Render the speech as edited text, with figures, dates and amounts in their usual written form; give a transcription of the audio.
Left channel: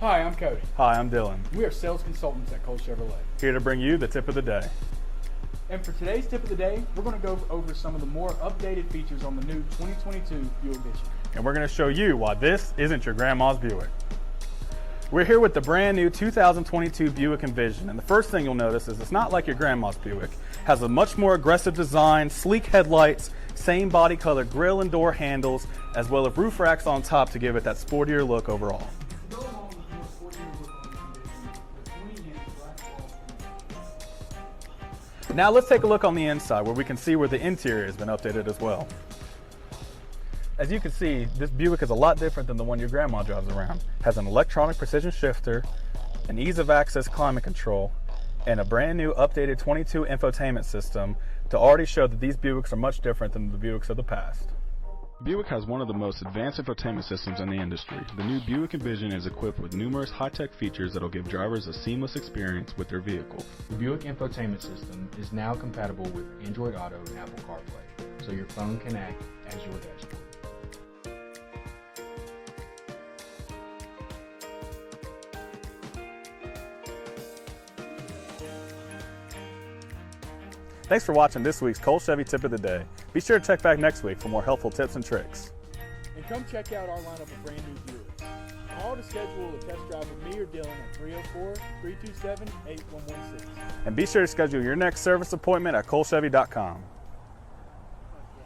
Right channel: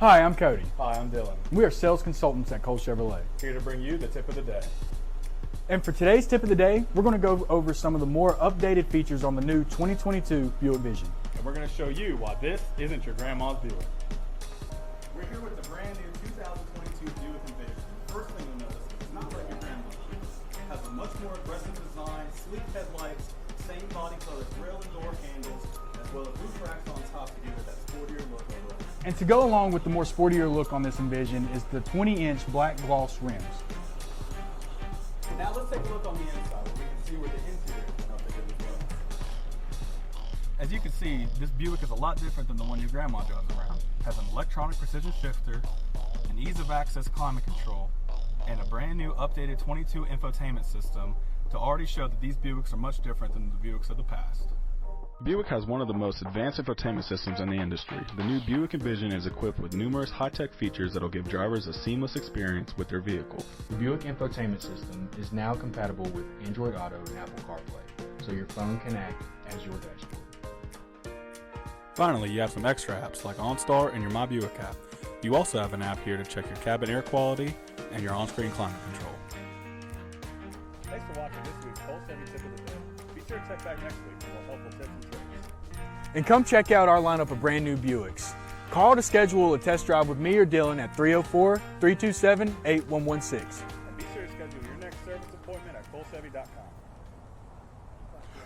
Hi, I'm Cody. Hi, I'm Dillon. We are sales consultants at Cole Chevrolet. Here to bring you the tip of the day. And for today's tip of the day, we're going to go over some of the more updated features on the new 2022 Buick Envision. And we're going to show you why this isn't your grandma's Buick. We're here with the brand new 2022 Buick Envision, and the first thing you'll notice is it's not like your grandma's Buick. It has a much more aggressive design, sleek headlights, same body color grille and door handles, as well as roof racks on top to give it that sportier look overall. And to go along with the more sportier look on this Envision is the 20-inch black gloss rims. Now let's take a look on the inside where we can see where the interior has been updated as well. As you can see, this Buick is a lot different than the one your grandma drives around. It has an electronic precision shifter, an ease of access climate control, and a brand new updated 22 infotainment system to already show that these Buicks are much different than the Buicks of the past. Buick has one of the most advanced infotainment systems in the industry. The new Buick Envision is equipped with numerous high-tech features that will give drivers a seamless experience with their vehicle. The Buick Infotainment System is now compatible with Android Auto and Apple CarPlay, so your phone can act as your dashboard. Finally, you have some extra apps like OnStar and your My Buick app. You also have an app here to check your cabin air quality and your on-screen climate control. Thanks for watching this week's Cole Chevy Tip of the Day. Be sure to check back next week for more helpful tips and tricks. And come check out our lineup of brand new Buicks. Call to schedule a test drive with me or Dillon at 304-327-8116. And be sure to schedule your next service appointment at colechevy.com.